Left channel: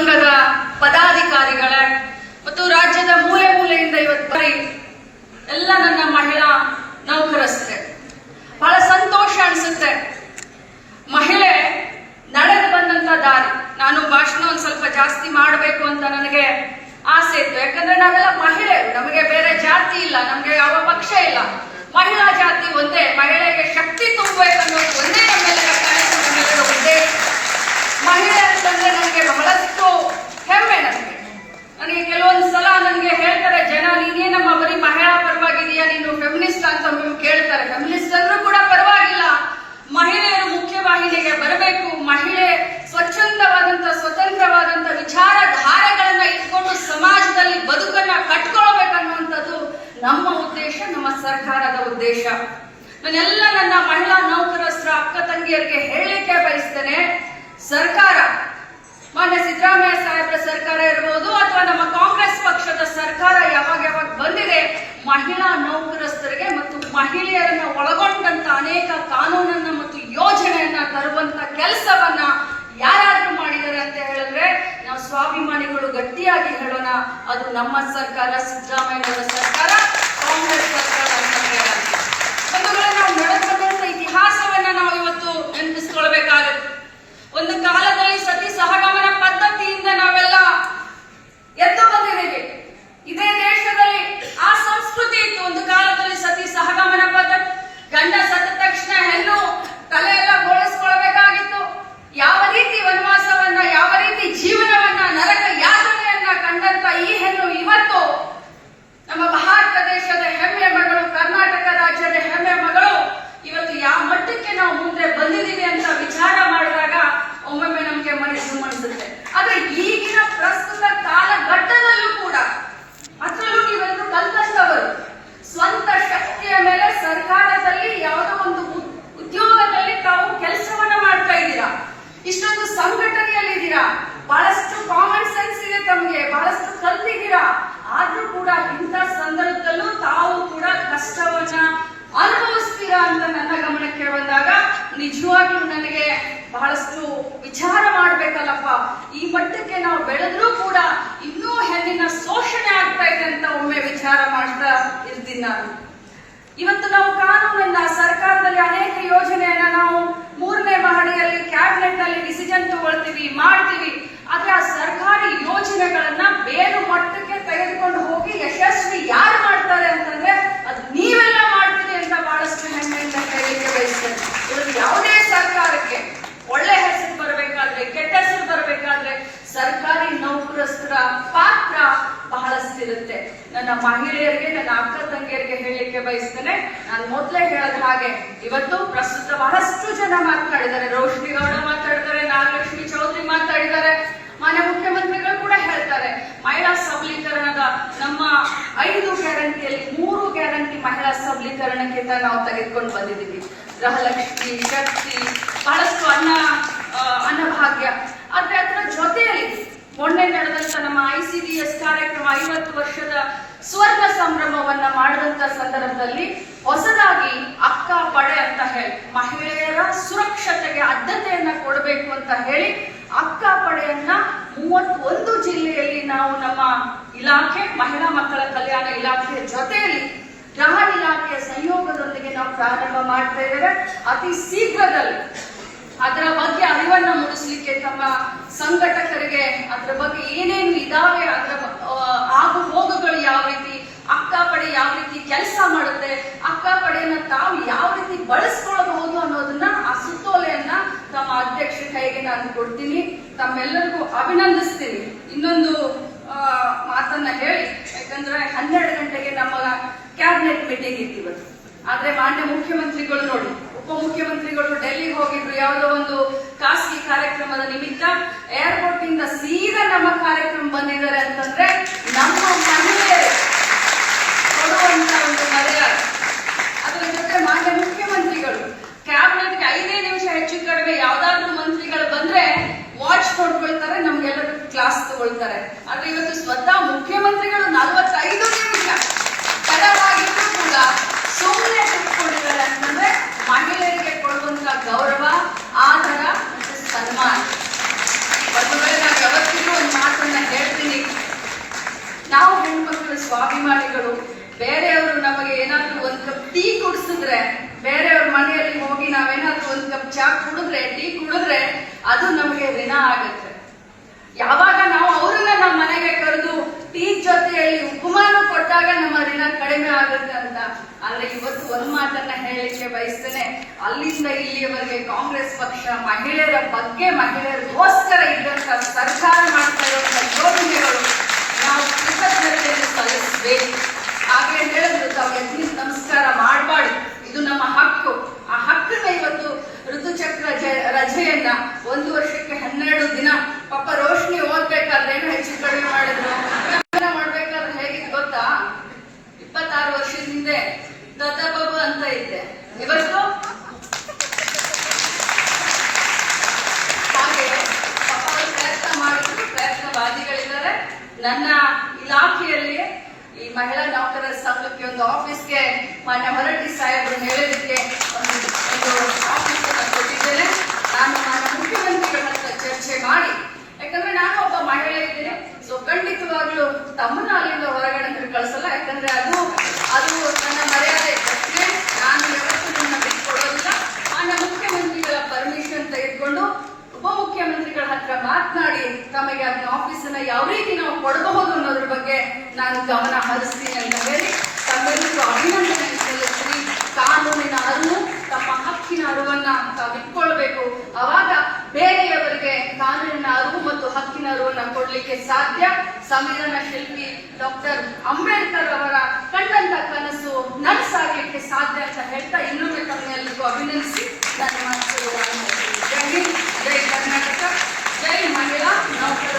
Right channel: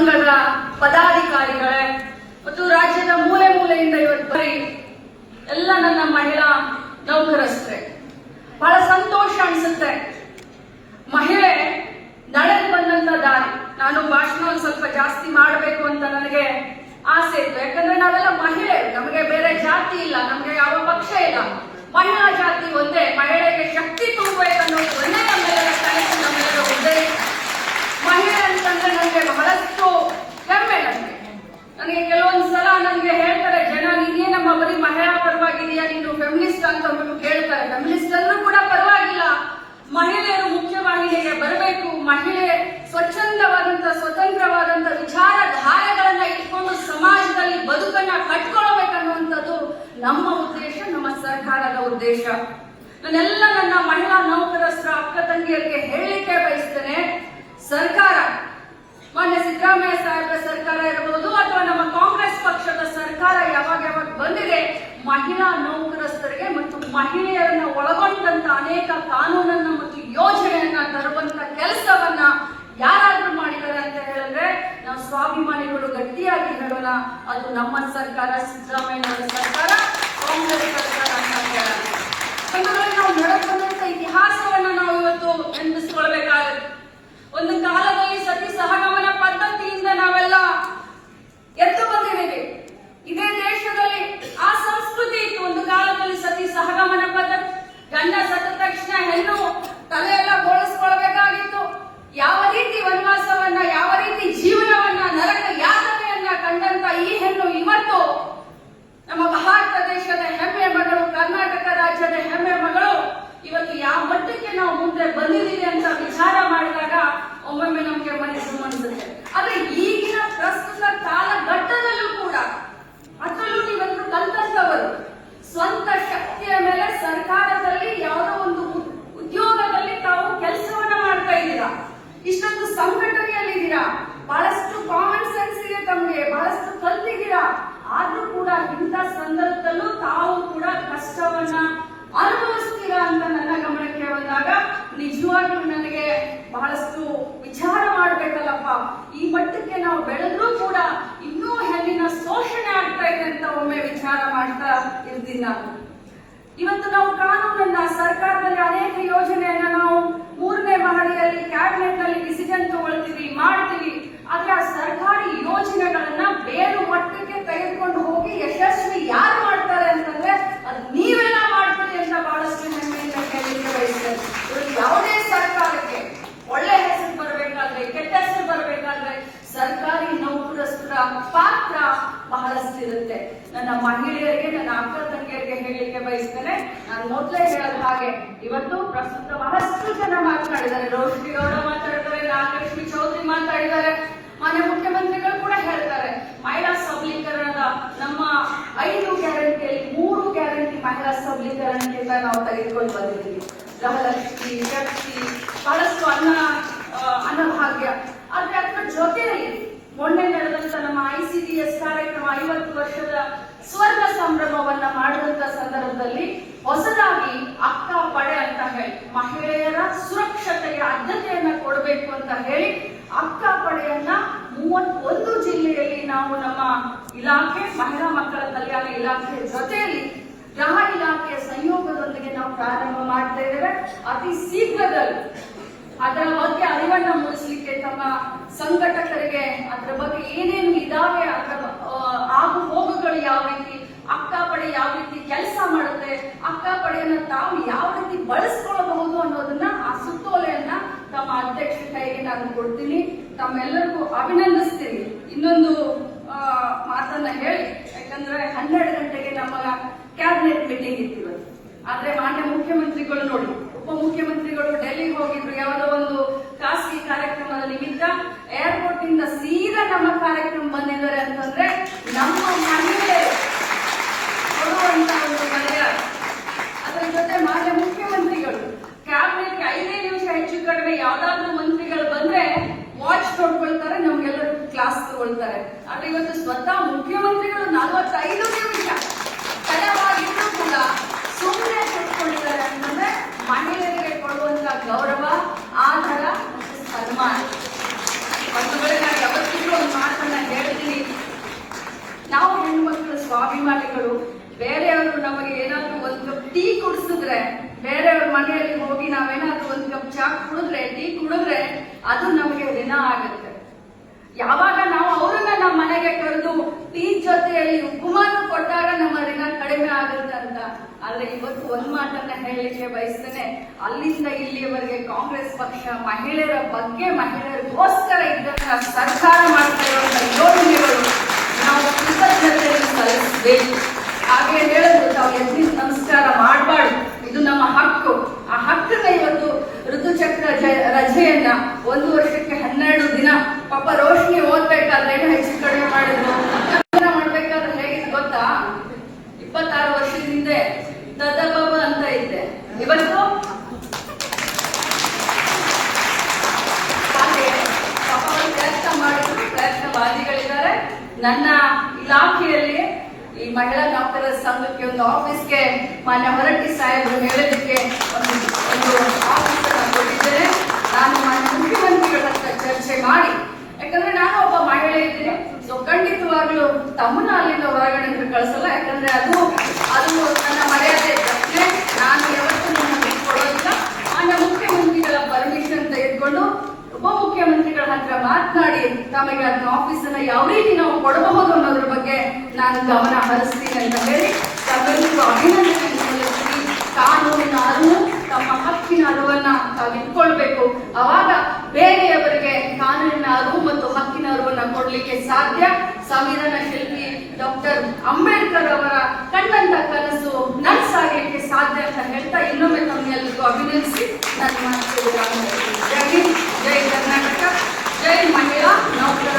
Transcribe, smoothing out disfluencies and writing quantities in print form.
ಸಂಘದ ಪದಾಧಿಕಾರಿಗಳೇ ಮತ್ತು ರಾಜ್ಯದ ಮೂಲೆ ಮೂಲೆಯಿಂದ ಇವತ್ತು ಎಲ್ಲ ನನ್ನ ಮಹಿಳಾ ನೌಕರಸ್ಥೆ, ಬಹಳ ಸಂತೋಷ ಅನ್ಸುತ್ತೆ. ಮಹಿಳೆ ನಡೆದು ಬಂದಂತ ದಾರಿ, ನಾನು ಭಾಷಣ ಒಂದು ಸ್ವಲ್ಪ ಜಾಸ್ತಿ ಮಾಡಬೇಕು ಅಂತ ನನಗೆ ಆಸೆ ಇತ್ತು. ಯಾಕಂದ್ರೆ ನಾವೆಲ್ಲ ಮಹಿಳೆ, ನಮಗೆ ಬೇರೆ ಜಾತಿ ಇಲ್ಲ, ನಮಗೆ ಯಾವ ಪಕ್ಷ ಇಲ್ಲ, ಮಹಿಳಾ ಜಾತಿ ಒಂದೇ. ಮಹಿಳೆಗೆ ಶಕ್ತಿ ತುಂಬಬೇಕನ್ನೋದು ಒಂದೇ ನಮ್ಮೆಲ್ಲರ ಕನಸು, ನಮ್ಮೆಲ್ಲರ ಉದ್ದೇಶ. ಮಹಿಳೆ ಅಂತಂದ್ರೆ ನನಗೆ ಬಹಳಷ್ಟು ಹೆಮ್ಮೆ. ನನಗೆ ಕೆಲವೊಂದು ಸಲ ನನಗೆ ಹೇಳ್ತಾರೆ ಜನ, ನೀನೇನಮ್ಮ ಬರೀ ಮಹಿಳಾ ಪರವಾಗಿದೆಯಾ, ನೀನು ಫೆಮಿನಿಸ್ಟ್ ಅಂತ ಕೇಳ್ತಾರೆ. ಫೆಮಿನಿಸ್ಟ್ ಅಂದ್ರೂ ಕೂಡ ಪರವಾಗಿಲ್ಲ, ಮಹಿಳೆಯರು ಮುಖ್ಯವಾಹಿನಿಗೆ ಬರಬೇಕು. ಮಹಿಳೆ ಸ್ವಚ್ಛಂದವಾದಂತ ಸ್ವತಂತ್ರವಾದಂತ ವಿಚಾರಧಾರೆಗಳನ್ನ ಇಟ್ಕೊಂಡು ಸಮಾಜದಲ್ಲಿ ಬದುಕನ್ನ ಕಟ್ಕೊಳ್ಬೇಕನ್ನುವಂಥದ್ದು ನಮ್ಮ ಉದ್ದೇಶ, ನಮ್ಮ ಸರ್ಕಾರದ ಉದ್ದೇಶ. ನಾನೆಲ್ಲ ನನ್ನ ಮಹಿಳಾ ನೌಕರಸ್ಥರ ಅಕ್ಕ ತಂಗಿಯರಿಗೆ ಹೇಳಲಿಕ್ಕೆ ಬಯಸ್ತೇನೆ, ಸರ್ಕಾರ, ಮಾನ್ಯ ಸಿದ್ದರಾಮಯ್ಯ ಸಾಹೇಬರ ಸರ್ಕಾರ ಇರಬಹುದು ಅಥವಾ ನಮ್ಮ ಕಾಂಗ್ರೆಸ್ ಪಕ್ಷದ ಸರ್ಕಾರ ಯಾವಾಗ ಬಂದಿದೆ, ಮಹಿಳಾ ನೌಕರಸ್ಥರಿಗೆ ಮತ್ತು ಮಹಿಳೆಯರನ್ನ ಒಳಗೊಂಡಂತ ಅನೇಕ ಕಾನೂನನ್ನ ಮತ್ತು ಯೋಜನೆಯನ್ನ ತರುವಂತ ಕೆಲಸವನ್ನ ಯಾರಾದ್ರೂ ಮಾಡಿದ್ದಾರೆ ಅಂತ ಹೇಳಿದ್ರೆ ನಾವು ಸ್ವಾಭಿಮಾನಿಗಳು ಗಟ್ಟಿಯಾಗಿ ಹೇಳೋಣ, ಅದು ನಮ್ಮ ಸರ್ಕಾರ, ಸಿದ್ದರಾಮಯ್ಯನವರ ಸರ್ಕಾರ, ಕಾಂಗ್ರೆಸ್ ಸರ್ಕಾರ. ಒಂದು ವೇಳೆ ನಾವು ನಡೆದಂತ ಇತಿಹಾಸವನ್ನ ನಾವು ಇವತ್ತು ನೆನಪಿಸ್ಕೊಳ್ಬೇಕಾಗುತ್ತೆ. ಒಂದು ಕಾಲದಲ್ಲಿ ಸತಿ ಸಹಗಮನ ಪದ್ಧತಿಯಿಂದ ನಾವೆಲ್ಲ ಎದ್ದು ಬಂದಿದ್ದೇವೆ. ಇದೇ ದೇಶದಲ್ಲಿ ಆ ಸಂಸ್ಕೃತಿ ಇತ್ತು. ಒಂದು ಕಾಲದಲ್ಲಿ ಸತಿ ಸಹಗಮನ ಪದ್ಧತಿ, ಗಂಡ ಸತ್ತ ತಕ್ಷಣ ಹೆಣ್ಣು ತಲೆಯೆಲ್ಲ ಬೋಳಿಸ್ಕೊಳ್ಬೇಕಾಗಿತ್ತು. ಯಾವ ರೀತಿ ವನವಾಸವನ್ನ, ಯಾವ ರೀತಿ ಜೀವನವನ್ನ, ನರಕ ಯಾತನೆಯನ್ನ ಕಂಡಂತ ಈ ಹೆಣ್ಣು ಇವತ್ತು ನಮ್ಮ ಭಾರತ ದೇಶದ ಹೆಮ್ಮೆ ಮಗಳು, ಕರ್ನಾಟಕ ರಾಜ್ಯದ ಹೆಮ್ಮೆ ಮಗಳು, ಇವತ್ತು ಯಾವ ಮಟ್ಟಕ್ಕೆ ನಾವು ಮುಂದೆ ಬಂದಿದ್ದೀವಿ ಅಂತ ವಿಚಾರ ಮಾಡಿದಾಗ ಒಮ್ಮೊಮ್ಮೆ ನಮಗೆ ಮನಸ್ಸು ಅನಿಸುತ್ತೆ. ಆದ್ರೆ ಈಗಿನ ಪ್ರಸ್ತುತ ಕಾಲಘಟ್ಟದಲ್ಲೂ ಕೂಡ, ಅದರಲ್ಲೂ ನೀವೆಲ್ಲರೂ ಕಲ್ತವರು, ಸ್ವಂತ ಶಕ್ತಿಯ ಮೇಲೆ ಸರ್ಕಾರದಲ್ಲಿ ಯಾವುದೋ ಒಂದು ಉದ್ಯೋಗದಲ್ಲಿ ತಾವು ಕೆಲಸವನ್ನ ಮಾಡ್ತಾ ಇದ್ದೀರಾ, ಇಷ್ಟೊಂದು ಸಂಘಟನೆಯಲ್ಲಿ ಇದ್ದೀರಾ, ಬಹಳಷ್ಟು ಕಾಮನ್ ಸೆನ್ಸ್ ಇದೆ ತಮಗೆ, ಬಹಳಷ್ಟು ಕಲ್ತಿದ್ದೀರಾ. ಆದ್ರೂ ಕೂಡ ಇಂಥ ಸಂದರ್ಭದಲ್ಲೂ ತಾವು ಕೂಡ ಕಷ್ಟವನ್ನ ಅನುಭವಿಸ್ತೀರಾ ಅಂತ ನನ್ನ ಗಮನಕ್ಕೆ ಬಂದಾಗ ನಿಜವಾಗ್ಲೂ ನನಗೆ ಬಹಳಷ್ಟು ವಿಚಾರ ಮಾಡ್ಬೇಕಲ್ಲಪ್ಪ. ಈ ಮಟ್ಟಕ್ಕೆ ನಾವು ಬೆಳೆದ್ರೂ ಕೂಡ ಇನ್ನೂ ಹೆಣ್ಣಿನ ಶೋಷಣೆ ಆಗ್ತಾ ಇದೆ ಅಂತ ಒಮ್ಮೆ ವಿಚಾರ ಮಾಡ್ತಾ ಇರ್ತೀನಿ ನಾನು. ಇವತ್ತು ನಾವು ಕಾನೂನನ್ನ, ಸರ್ಕಾರದಲ್ಲಿ ಅನೇಕ ಯೋಜನೆಯನ್ನ ನಾವು 3ನೇ ಮಹಡಿಯಲ್ಲಿ ಕ್ಯಾಬಿನೆಟ್ ನಲ್ಲಿ ಡಿಸಿಷನ್ ತಗೊಳ್ತೀವಿ, ಮಾಡ್ತೀವಿ. ಆದ್ರೆ ಆ ಸರ್ಕಾರಿ ಯೋಜನೆಗಳನ್ನ ಬೇರೆ ಮಟ್ಟಕ್ಕೆ ತೆಗೆದುಕೊಂಡು ಹೋಗಿ ಯಶಸ್ವಿ ಯಾರು ಮಾಡ್ತಾರೆ ಅಂತಂದ್ರೆ ಅದು ನೀವೆಲ್ಲ ಮಾಡ್ತೀರಿ ಅಂತ ಬಹಳಷ್ಟು ಹೆಮ್ಮೆಯಿಂದ ಹೇಳಲಿಕ್ಕೆ ಬಯಸ್ತೇನೆ. ಇದು ಯಾವುದೇ ಸರ್ಕಾರಕ್ಕೆ ಒಳ್ಳೆ ಹೆಸರು ಬರಬೇಕಾದ್ರೆ, ಕೆಟ್ಟ ಹೆಸರು ಬರಬೇಕಾದ್ರೆ ಸರ್ಕಾರಿ ನೌಕರಸ್ಥರ ಪಾತ್ರ ಬಹಳಷ್ಟಿರುತ್ತೆ. ನನ್ನ ಮಹಿಳೆಯರಿಗೆ, ನನ್ನ ಅಕ್ಕ ತಂಗಿಯರಿಗೆ ಹೇಳಲಿಕ್ಕೆ ಬಯಸ್ತೇನೆ, ನಾನು ಮೊದಲೇ ಹೇಳದ ಹಾಗೆ ಇವತ್ತು ಪ್ರಸ್ತುತ ಬಹಳಷ್ಟು ಜನ ಮಾತನಾಡಿದ್ದಾರೆ. ರೋಶ್ನಿ ಗೌಡ ಮಾತಾಡಿದ್ದಾರೆ, ನಾಗಲಕ್ಷ್ಮಿ ಚೌಧರಿ ಮಾತಾಡಿದ್ದಾರೆ, ಮಾನ್ಯ ಮುಖ್ಯಮಂತ್ರಿಗಳು ಕೂಡ ಹೇಳ್ತಾರೆ. ಮಹಿಳಾ ಸಬಲೀಕರಣದ ನಮ್ಮ 5 ಗ್ಯಾರಂಟಿಯಲ್ಲಿ 3 ಗ್ಯಾರಂಟಿ ಮಹಿಳಾ ಸಬಲೀಕರಣಕ್ಕೆ ನಾವು ತೆಗೆದುಕೊಂಡು ಬಂದಿದ್ದೀವಿ. ಗೃಹಲಕ್ಷ್ಮಿ, ಶಕ್ತಿ, ಬಹಳಷ್ಟು ಅನ್ನಭಾಗ್ಯ. ಆದ್ರೆ ಅದರ ಜೊತೆಯಲ್ಲಿ ಮೊನ್ನೆ ನಡೆದಂತ ನಮ್ಮ ICDS ಕಾರ್ಯಕ್ರಮ 50 ವರ್ಷದ ಸ್ವರ್ಣ ಸಂಭ್ರಮವನ್ನ ಮಾಡಿದಂತ ಸಂದರ್ಭದಲ್ಲಿ ಹೊಸದಾಗಿ ಅಕ್ಕ ಪಡೆ ಅಂತ ಹೇಳಿ ಮಹಿಳೆಯರ ಸುರಕ್ಷತೆಗೆ ಆದ್ಯತೆಯನ್ನ ಕೊಡಬೇಕು ಅಂತ ಹೇಳಿ ಅಕ್ಕ ಪಡೆಯನ್ನ 31 ಜಿಲ್ಲೆಯಲ್ಲಿ ನಾವು ನಮ್ಮ ಇಲಾಖೆ, ಮಹಿಳಾ ಮಕ್ಕಳ ಕಲ್ಯಾಣ ಇಲಾಖೆ ಜೊತೆಯಲ್ಲಿ ಗೃಹ ಇಲಾಖೆಯ ಸಂಯೋಗದೊಂದಿಗೆ ನಾವು ಪ್ರಾರಂಭ ಮಾಡ್ತಾ ಇದ್ದೇವೆ. ಅತಿ ಶೀಘ್ರದಲ್ಲಿ ಅದರ ಬಗ್ಗೆ ಅರಿವನ್ನ ಮೂಡಿಸಲಿಕ್ಕೆ ತಮ್ಮ ಸಂಘಟಕರಿಗೆ ಅದರ ಬಗ್ಗೆ ಏನೇನು ಇದಾವೆ, ಅದರ ಆಗು ಹೋಗುಗಳು ಯಾವ ರೀತಿ, ಅಕ್ಕ ಪಡೆ ಯಾವ ರೀತಿ ಕೆಲಸ ಮಾಡುತ್ತೆ, ಅಕ್ಕ ಪಡೆಯನ್ನ ತಾವು ಯಾವ ರೀತಿ ಬಳಸ್ಕೊಳ್ಬಹುದು ಅನ್ನೋದನ್ನ, ಆ ಸುತ್ತೋಲೆಯನ್ನ ತಮ್ಮ ಅಧ್ಯಕ್ಷ ಕೈಗೆ ನಾನು ಕೊಡ್ತೀನಿ. ತಮ್ಮೆಲ್ಲರಿಗೂ ಅಭಿನಂದಿಸ್ತೀನಿ. ಇನ್ನೊಂದು ಮಾತನ್ನ ಹೇಳಿ, ಯಾಕಂದ್ರೆ 12 ಗಂಟೆಗೆ ನಮ್ಮ ಕ್ಯಾಬಿನೆಟ್ ಮೀಟಿಂಗ್ ಇತ್ತು. ಆದ್ರೆ ಮಾನ್ಯ ಮುಖ್ಯಮಂತ್ರಿಗಳು ನೋಡಿ, ಉಪಮುಖ್ಯಮಂತ್ರಿಗಳು ಡೆಲ್ಲಿಗೆ ಹೋಗಿದ್ರು ಯಾವುದೋ ಒಂದು ಖಾಸಗಿ ಕಾರ್ಯಕ್ರಮದ ನಿಮಿತ್ತ. ಏರ್ಪೋರ್ಟ್ ಇಂದ ಸೀದಾ ನಮ್ಮ ಕಾರ್ಯಕ್ರಮ ಬಂದಿದ್ದಾರೆ ಅಂತಂದ್ರೆ ನಮ್ಮ ಮಹಿಳೆಯರು ಕೊಡುವಂತ ಒಂದು ಮರ್ಯಾದೆ. ಅದರ ಜೊತೆ ಮಾನ್ಯ ಮುಖ್ಯಮಂತ್ರಿಗಳು ಕ್ಯಾಬಿನೆಟ್ಗೆ 5 ನಿಮಿಷ ಹೆಚ್ಚು ಕಡಿಮೆ ಯಾವ್ದಾದ್ರು ಮಂತ್ರಿಗಳು ಬಂದ್ರೆ ವಾಚ್ ಕೊಡ್ಕೊಳ್ತಾರೆ, ನಮ್ಗೆಲ್ಲರೂ ಕ್ಲಾಸ್ ತಗೊಳ್ತಾರೆ. ಆದ್ರೆ ಇವತ್ತು ಸ್ವತಃ ಮುಖ್ಯಮಂತ್ರಿಗಳು 45 ನಿಮಿಷ ತಡವಾಗಿದ್ರು ಕೂಡ ಸುಮ್ಮನೆ ಕೂತ್ಕೊಂಡಿದ್ದಾರೆ ಅಂತಂದ್ರೆ ಮಹಿಳೆಯರಿಗೆ ಕೊಡುವಂತ ಗೌರವ, ಆದರ, ಸನ್ಮಾನ. ಒಂದು ವೇಳೆ ನಾವು ಯಾವತ್ತಿಗೂ ಕುಡಿದ್ರೆ, ಬೇರೆಯವ್ರ ಮನೆಯಲ್ಲಿ ಹೋಗಿ ನಾವೇನಾದ್ರೂ ಒಂದು ಕಪ್ ಚಾ ಕುಡಿದ್ರೆ, ಟೀ ಕುಡಿದ್ರೆ ಅದು ನಮಗೆ ಋಣ ಆಗುತ್ತೆ. ಯಾವಾಗ ನಾವು ಅವ್ರನ್ನ ನಮ್ಮ ಮನೆಗೆ ಕರೆದು ಟೀ ಜೊತೆಯಲ್ಲಿ ಉಪಮಾನ ಕೊಟ್ಟಾಗ ನಮ್ಮ ಋಣ ಕಡಿಮೆ ಆಗುತ್ತೆ ಅಂತ. ಆದ್ರೆ ಇವತ್ತು ಒಂದ್ ಮಾತನ್ನ ಹೇಳಲಿಕ್ಕೆ ಬಯಸ್ತೇನೆ, ಅಲ್ಲಿಂದ ಇಲ್ಲಿಯವರೆಗೆ ಕಾಂಗ್ರೆಸ್ ಪಕ್ಷ ಮಹಿಳೆಯರ ಬಗ್ಗೆ, ಮಹಿಳೆಯರಿಗೋಸ್ಕರ ಇದ್ದಂತ ಸರ್ಕಾರ ಮಾಡ್ತಾ ಇರುವಂತಹ ಯೋಜನೆಗಳು ನಾವು ಕೃತಜ್ಞತೆಯನ್ನು ಸಲ್ಲಿಸಬೇಕು. ಹಾಗೆ ಹೇಳಿದ್ರು, ತಾವು ಎದ್ದು ನಮಸ್ಕಾರ ಮಾಡಬಾರ್ದು, ಇದು ನಮ್ಮ ಹಕ್ಕು. ಆ ಹಕ್ಕನ್ನ ಇವತ್ತು ಋತುಚಕ್ರ ರಜೆಯನ್ನ 1 ವರ್ಷಕ್ಕೆ 12 ದಿನ, ಪಾಪ ರೋಶ್ನಿ ಓದ್ಬೇಕಾದ್ರೆ ಏನೋ ಹೆಚ್ಚು ಕಡಿಮೆ ಮಾಡಿದ್ರು. ಮಾಡ್ಬೇಕಾದ್ರೆ ಹೇಗಿತ್ತು ಗೊತ್ತಾ, 26 ವರ್ಷದ ಹಿಂದೆ ದದಬಬ ಅಂತ ಇದ್ದೆ, ಇವತ್ತು ಹಾಗೆ ಪಾಪ ಪ್ರಯತ್ನ ಮಾಡಿದ್ರು, ಪ್ರಯತ್ನವಾದಿಗಳಿದ್ದಾರೆ. ನನ್ನ ಇಲಾಖೆಯಲ್ಲಿ ಈ ಮಹಿಳಾ ನೌಕರರ ಸಂಘಕ್ಕೆ ಒಂದು ಆಫೀಸ್ಗೆ ಮಾನ್ಯ ಹೊರಟ್ಟಿ ಸಾಹೇಬರು ಹೇಳಲಿಕ್ಕೆ ಒಂದು ಆಫೀಸ್ ಅನ್ನು ಕೊಟ್ಟಿದ್ದೇನೆ. ನಾನು ಮುಖ್ಯಮಂತ್ರಿಗಳ ಹತ್ರ ಚರ್ಚೆ ಮಾಡಿ, ಯಾಕಂದ್ರೆ ನಾನು ಒಬ್ಬ ಮಹಿಳೆ ಇದ್ದೇನೆ, ಸೊ ಖಂಡಿತವಾಗ್ಲೂ ತಮ್ಮನ್ನ ಅಲ್ಲಿಂದ ಹೊರಗಡೆ ಕಳಿಸಲ್ಲ. ಯಾಕಂದ್ರೆ ಅದು ನನ್ನ ಮರ್ಯಾದೆ ಪ್ರಶ್ನೆ, ನಾನು ಯಾವತ್ತೂ ನನ್ನ ಬಿಟ್ಕೊಡೋದಿಲ್ಲ. ಮಾನ್ಯ ಮುಖ್ಯಮಂತ್ರಿಗಳ ಪರ್ಮಿಷನ್ ತೆಗೆದುಕೊಂಡು ಉಪಮುಖ್ಯಮಂತ್ರಿಗಳ ಹತ್ರ ಮಾತನಾಡಿ ತಮಗೆ ಅದನ್ನ ಆಫೀಸ್ ಅನ್ನ ಯಾವ ರೀತಿ ನಾವು ಕೊಡಬಹುದು ಅನ್ನೋದ್ರ ಬಗ್ಗೆ ನಾನು ಗಮನ ಹರಿಸ್ತೀನಿ ಅಂತ ಹೇಳಿ ತಮ್ಮೆಲ್ಲರಿಗೂ ಅಭಿನಂದನೆ ಸಲ್ಲಿಸ್ತೀನಿ. ಕಾನೂನಿನ ಅರಿವು, ತಮ್ಮ ಹಕ್ಕಿನ ಅರಿವನ್ನ ತಾವು ಇಟ್ಕೊಳ್ಬೇಕು. ಅವಾಗ ಬೇರೆಯವರಿಗೆ ಕಾನೂನಿನ ಅರಿವು ಮತ್ತು ಹಕ್ಕಿನ ಅರಿವನ್ನ ಕೊಡ್ಲಿಕ್ಕೆ ಸಾಧ್ಯ. ಸಂವಿಧಾನ ಶಿಲ್ಪಿ ಡಾಕ್ಟರ್ ಅಂಬೇಡ್ಕರ್ ಅವರ ಕಂಡಂತ ಕನಸು ನನಸಾಗಲಿಕ್ಕೆ ಸಾಧ್ಯ ಅಂತ ಹೇಳ್ತಾ ಇನ್ನೊಮ್ಮೆ ತಮ್ಮೆಲ್ಲರಿಗೂ ಅಭಿನಂದಿಸಿ ನನ್ನ ಮಾತು. ಜೈ ಹಿಂದ್, ಜೈ ಕರ್ನಾಟಕ, ಜೈ ಮಹಿಳಾ ನೌಕರ